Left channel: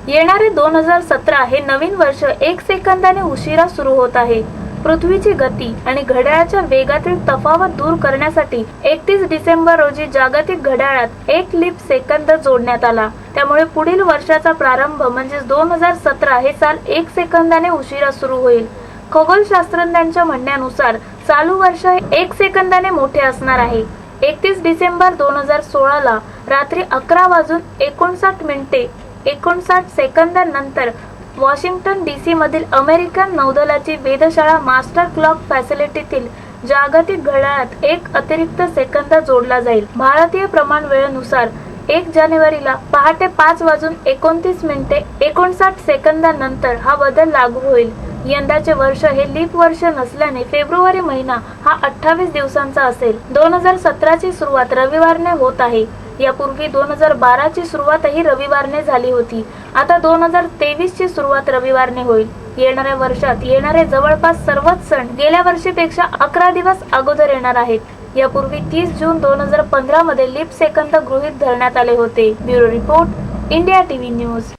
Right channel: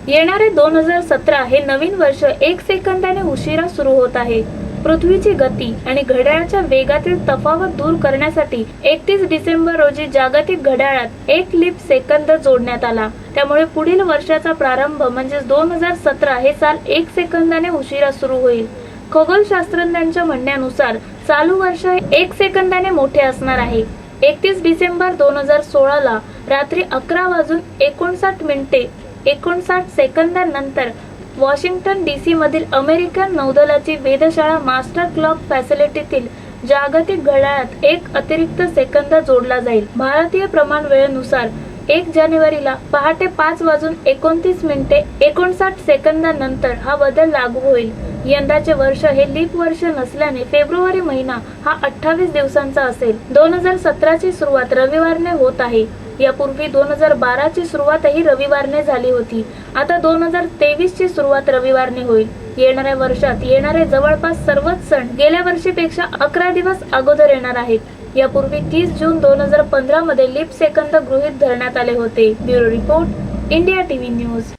येणारे दोन हजार सतरा हे नवीन वर्ष एक सेकंदाने उशिरा सुरू होत आहे. पृथ्वीची गती आणि घड्याळाच्या वेगातील तफावत दूर करण्यासाठी एकतीस डिसेंबर रोजी जागतिक घड्याळात एक लीप सेकंद जोडण्यात आला. त्यामुळे पुढील वर्षाचा प्रारंभ म्हणजेच दोन हजार सतरा हे साल एक सेकंदाने उशिरा सुरू होईल. खगोलशास्त्रज्ञांच्या म्हणण्यानुसार चालू वर्ष एक सेकंदाने मोठे असणार आहे. एकतीस डिसेंबर दोन हजार सोळाला रात्री अकरा वाजून एकोणसाठ मिनिटे एकोणसाठ सेकंदानंतर वॉशिंग्टन डी सी मधील अमेरिकन नौदलाची वेधशाळा मास्टर क्लॉक फॅसिलिटीतील जागतिक घड्याळात एक अतिरिक्त सेकंद जोडला जाईल. भारतीय प्रमाण वेळेनुसार एक जानेवारीला पहाटे पाच वाजून एकोणतीस मिनिटे एकोणसाठ सेकंदानंतर हा बदल लागू होईल. यंदाचे वर्ष हे लीप वर्ष नसल्याने फेब्रुवारी महिना हा अठ्ठावीस दिवसांचा असेल. दोन हजार सतराची सुरुवात रविवारने होत आहे. यापूर्वी दोन हजार बाराची सुरुवातही रविवारने झाली होती. आता दोन हजार तेवीसची सुरुवात रविवारने होईल. येणाऱ्या वर्षात येणारे जवळपास सर्वच सण गेल्या वर्षीपेक्षा अकरा दिवस अगोदर येणार आहेत. यापूर्वी तीस जून दोन हजार पंधरा मध्ये लीप सेकंद गृहीत धरण्यात आले होते. Bureau report India TV news.